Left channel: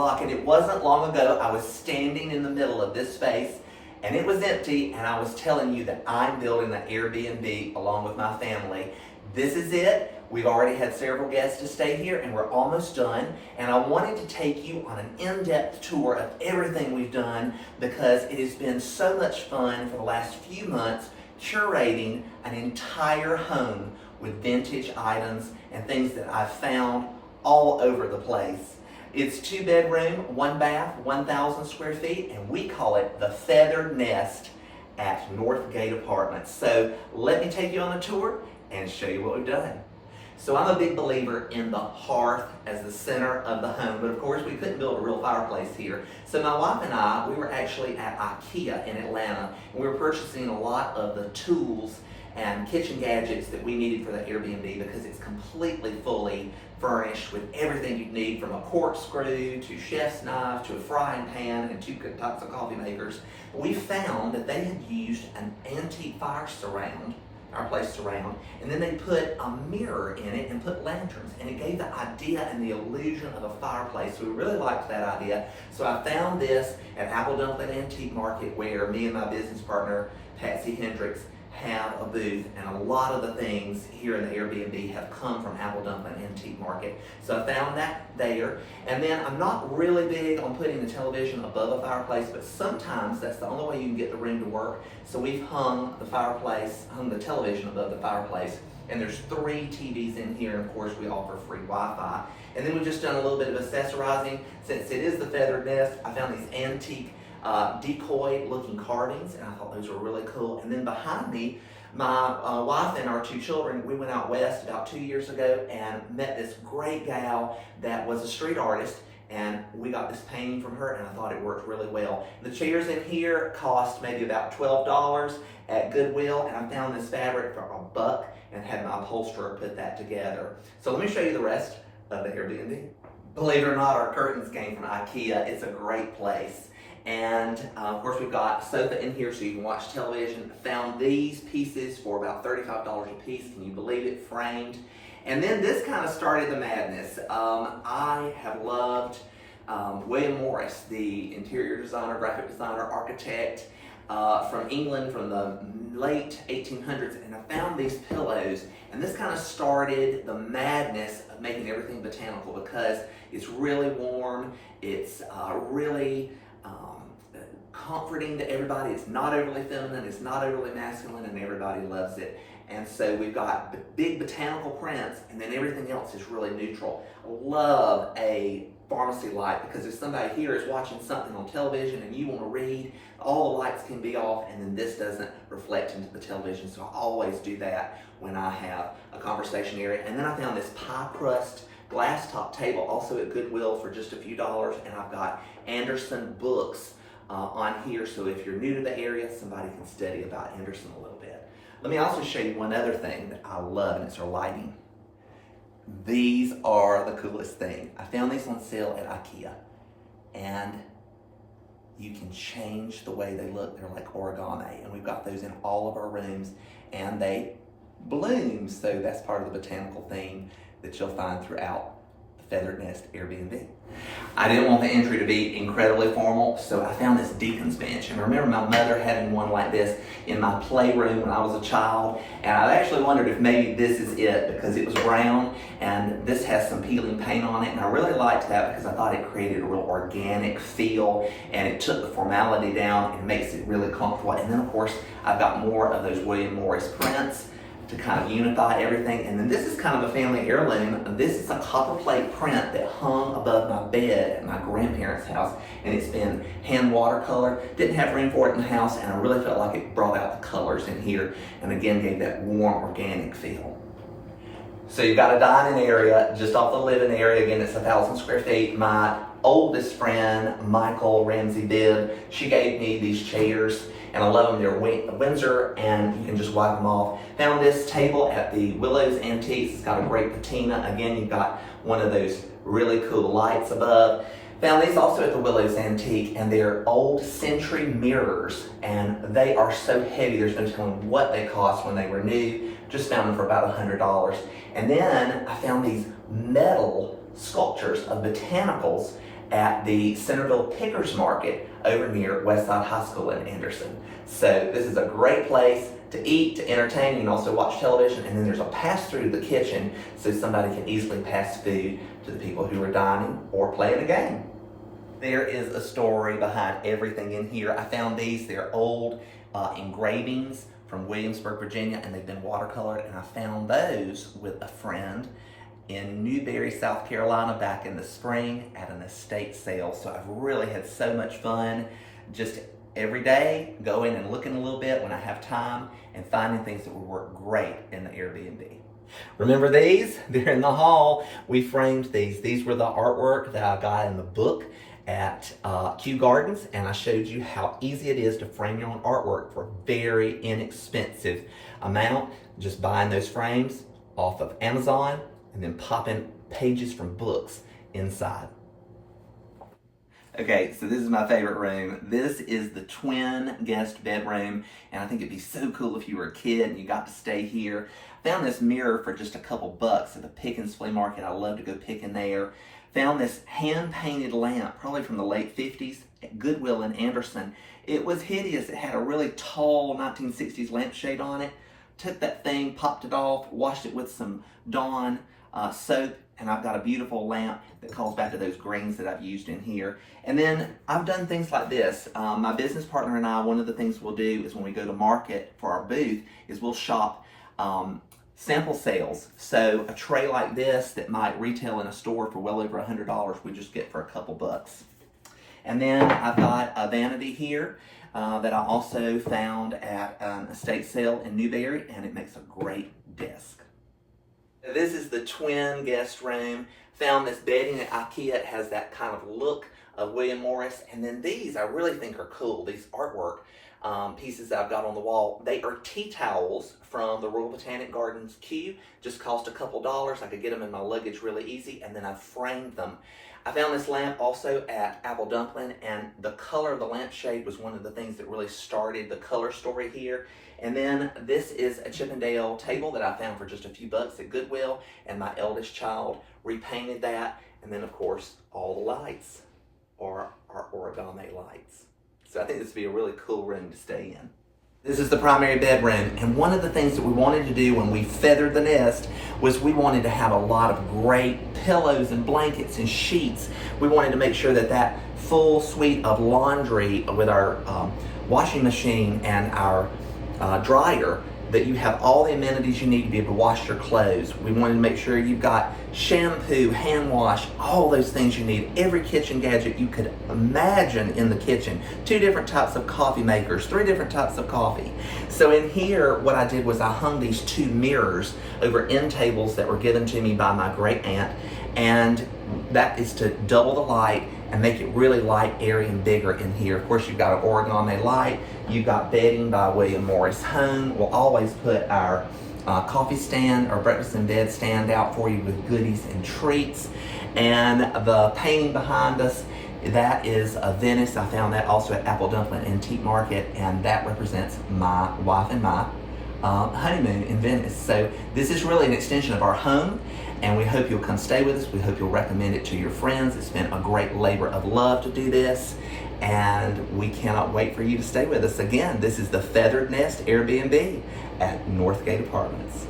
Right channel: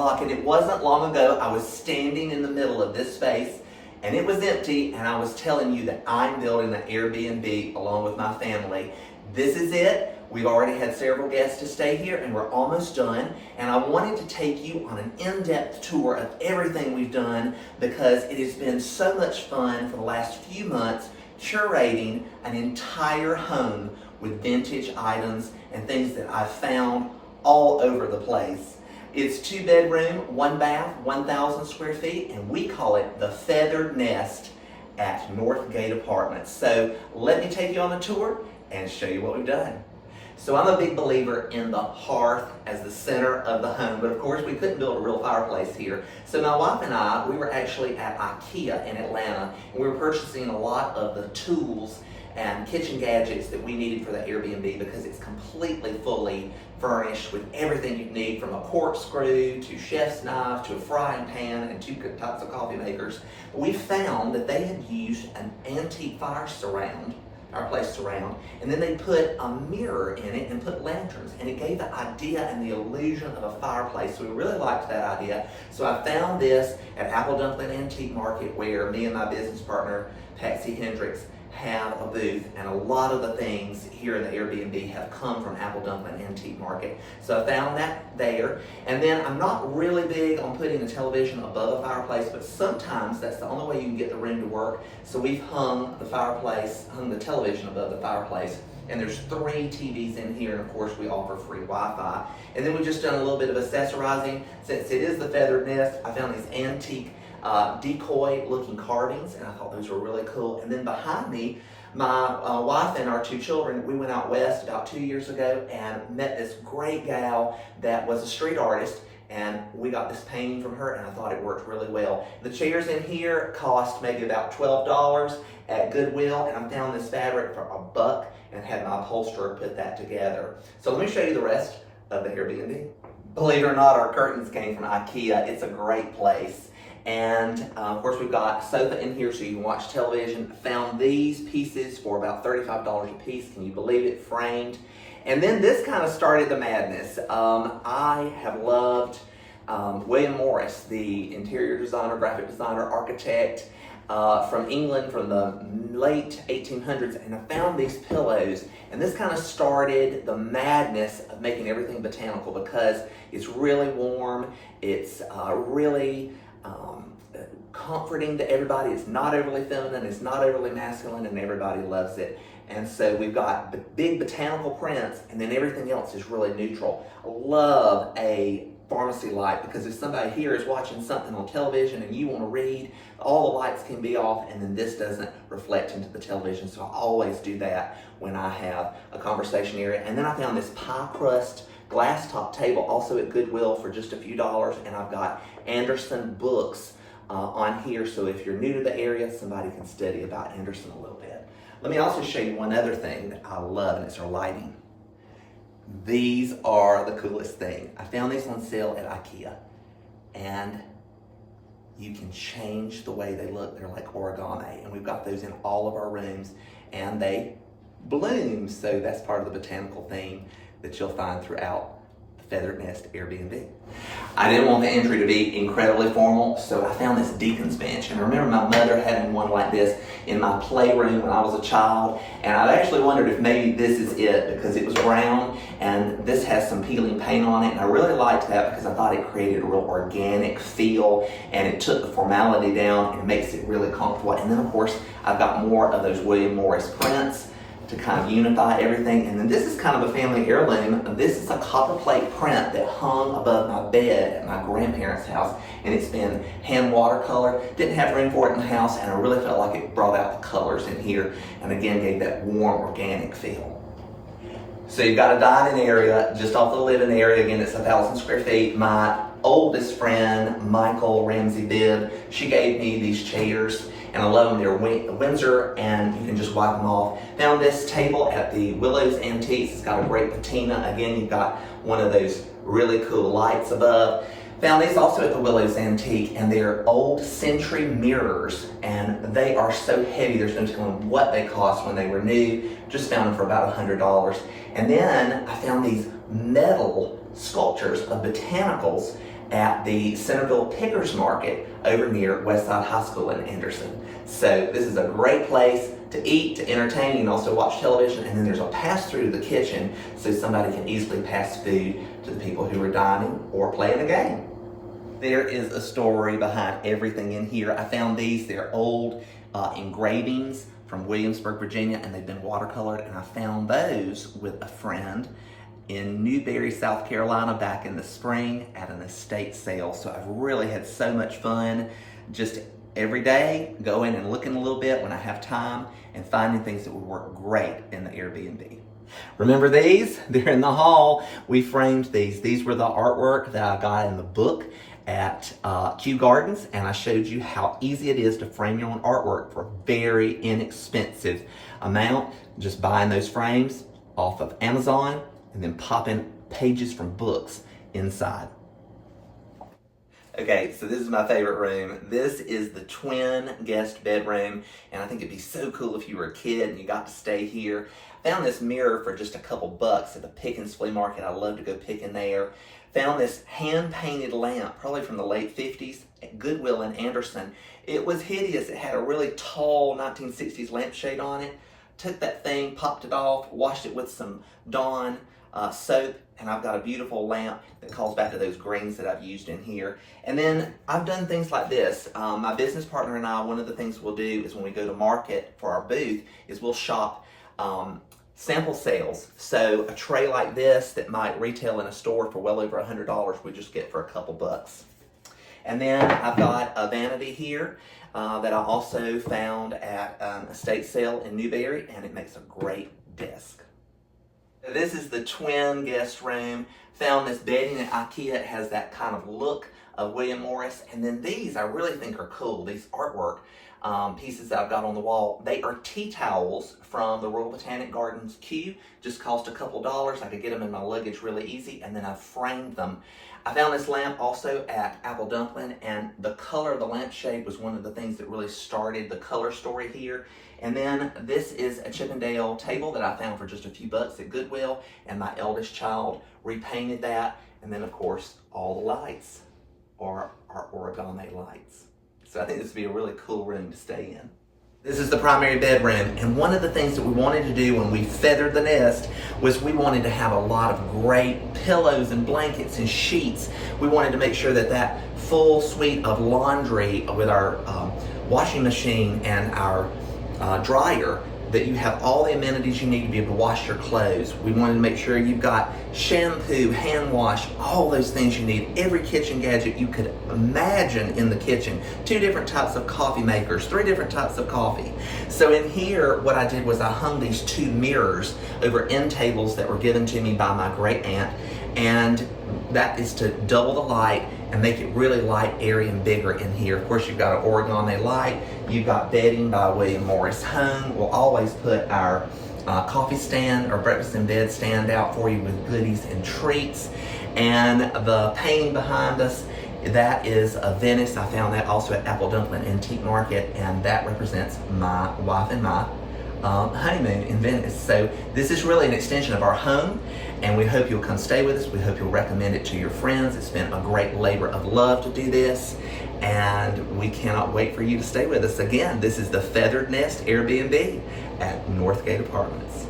Locke, and it wasn't long ago I was standing in the middle of this space and it was empty, and I was telling you that I'm building an Airbnb along with my family. This is it. We've already had several guests to stay here and we're almost done, and I wanted to take you on an in-depth tour of everything we've done because it has been so much fun for the last few months curating an entire home with vintage items and things that I've found all over the place. It's 2-bedroom, 1 bath, 1,000 square feet, and we call it the Feathered Nest at Northgate Apartments. So let me take you on a tour and show you what we've done. So I'm a big believer in the hearth as the center of the home, but of course we couldn't build a real fireplace here. So my wife and I, we were actually at IKEA in Atlanta, and we were purchasing a lot of the tools and kitchen gadgets that we needed for the Airbnb because it's completely fully furnished with everything you need, from a corkscrew to chef's knife to a frying pan and 2 types of coffee makers. But we found that they had used an antique fireplace surround, and then they put a mirror in it and put lanterns, and it gave the idea and the illusion of a fireplace. So we really liked that idea. So I found this at Apple Dumpling Antique Market, where me and my business partner, Patsy Hendricks, have a booth, and a lot of the things here in the Airbnb have come from Apple Dumpling Antique Market. So I found that there, and then I'm not really big on putting the television above a fireplace, but sometimes that's the only way you can get the room to work. So we've hung the television above the fireplace, and there's 3 TVs in here, and of course we offer free Wi-Fi. And then we've just done a little bit of accessorizing. Since it is the Feathered Nest, I found these antique decoy looking carvings, and I thought those were really cool. And then behind me, my wife and our 2 children, we went out west about 2 years ago and met this great gal that was a street artist, and we got this painting from her, and I thought it worked really well. The chairs in here cost maybe about $12 at Goodwill, and I found this fabric for $1 and had my upholsterer put that together. So let me show you the rest of the Airbnb. Believe it or not, our curtains came from IKEA. It's a great place. And of course we've got a sofa in here so you can watch television. Found these pieces for about $35 a piece. Can you believe it? Framed. And then this kind of started the madness. I have loved William Morris, the interior designer, graphic designer, architect from England from the late 1800s, and I found these pillows, and this kind of started the madness of making everything botanical because it's really warm, it's really comforting to everybody. It's not overly feminine, it's not overly masculine, and everybody loves it. And so we've got big botanical prints, and then everything else is really neutral. Love a pharmacy light, because if somebody here is watching something on television and you want to read, all the lights can be off, and then this doesn't reflect into the television. So I always do that when I have a conversation area. And then I found this pie crust glass top table also at Goodwill for just a few dollars, and I've got Anderson books on here, so if you're new to the area, somebody can study about Anderson a little bit. Let me also show you one other thing that I love, and it's our lighting. These are the coolest thing. I found these on sale at IKEA, and you can change the way they look. They're like origami, and we've got those in all of our rooms, and they bloom, so that's part of the botanical theme that you'll find throughout the Feathered Nest Airbnb. I didn't want the entry to be incredibly formal, so I found this deacon's bench. And I remember my mother having one like this in my playroom when I was a child, and I actually wondered if maybe this is it, because it was brown and this has some peeling paint on it, and I really liked that because I thought it created a real organic feel, and it took the formality down and makes it really comfortable. And then of course I've got more of those William Morris prints to kind of unify everything. And then this is kind of a family heirloom. This is a copper plate print that hung above my bed at my grandparents' house, and it's been hand watercolor. Didn't have room for it in the house, and I really felt like it brought out the colors in here, and again gave that warm organic feel. So you've got a dining area just off the living area. Again, it's 1,000 square feet. My oldest friend, Michael Ramsey Bibb, she gave me these chairs, and I love them. They're Windsor, and you can just wipe them off. Found this table at the Willows Antiques. It's got a great patina. Again, you've got one of those really cool lights above. Found these also at the Willows Antique, and they're old century mirrors, and they are so heavy, there's no telling what they cost when they were new. Just found them for about $100. And then I found these metal sculptures of botanicals, at the Centerville Pickers Market over near Westside High School in Anderson. So this is a great place to eat, to entertain. You can also watch television, and then there's a pass-through to the kitchen so somebody can easily pass food to the people who are dining or playing a game. There is a story behind everything in here. I found these. They're old engravings from Williamsburg, Virginia, and they've been watercolored, and I found those with a friend in Newberry, South Carolina back in the spring at an estate sale. So I've really had so much fun just every day going and looking a little bit when I have time and finding things that would work great in the Airbnb. Remember these? They're in the hall. We framed these. These were the artwork that I got in the book at Kew Gardens, and I showed you how easy it is to frame your own artwork for a very inexpensive amount. Just buying those frames off of Amazon and then popping pages from books inside. Okay, so this is my favorite room. This is the twin guest bedroom, and I think it'd be so cool if you were a kid and you got to stay here. I found this mirror for just a couple bucks at the Pickens Flea Market. I love to go picking there. Found this hand-painted lamp, probably from the late 50s, at Goodwill in Anderson. It was hideous. It had a really tall 1960s lampshade on it. Took that thing, popped it off, washed it with some Dawn soap, and I've got a beautiful lamp that calls back to those greens that I've used in here. And then I've done things like this. My business partner and I, one of the things we'll do is when we go to market for our booth is we'll shop sample sales. So a tray like this that might retail in a store for well over $100, we just get for a couple bucks. And then I've got a vanity here that I also found at an estate sale in Newberry, and it makes a great desk. This is the twin guest room. Found this bedding at IKEA. It has that kind of look of William Morris. And then these I really think are cool. These artwork pieces that I've got on the wall. They are tea towels from the Royal Botanic Gardens Kew. Just cost a couple dollars. I could get them in my luggage really easy, and then I framed them. I found this lamp also at Apple Dumpling, and the color of the lampshade was one of the things that really started the color story here. And then this is a Chippendale table that I found for just a few bucks at Goodwill, and my eldest child repainted that. And then of course, all the lights are origami lights. So I think this would be a really cool room to stay in. This is the primary bedroom, and one of the things that we wanted to do when we feathered the nest was we wanted to have a lot of great pillows and blankets and sheets. We wanted to make sure that that full suite of laundry with our washing machine and our dryer, that you have all the amenities you need to be able to wash your clothes. We wanted to make sure you've got shampoo, hand wash, all those things you need, every kitchen gadget you could imagine in the kitchen. 2 different types of coffee makers, 3 different types of coffee. So in here, what I did was I hung these 2 mirrors over end tables that were given to me by my great aunt, and that is to double the light and make it really light, airy, and bigger in here. Of course, you've got an origami light. You've got bedding by William Morris Home. We'll always put our coffee stand or breakfast in bed stand out for you with goodies and treats. And the painting behind us, that is a Venice. I found that also at Apple Dumpling Antique Market, and that represents my wife and my honeymoon in Venice. So this is really an extension of our home, and we hope you'll come stay with us. We hope you'll recommend it to your friends. It's been a great labor of love to do this, and we cannot wait for you to stay with us. Again, this is the Feathered Nest Airbnb at Northgate Apartments.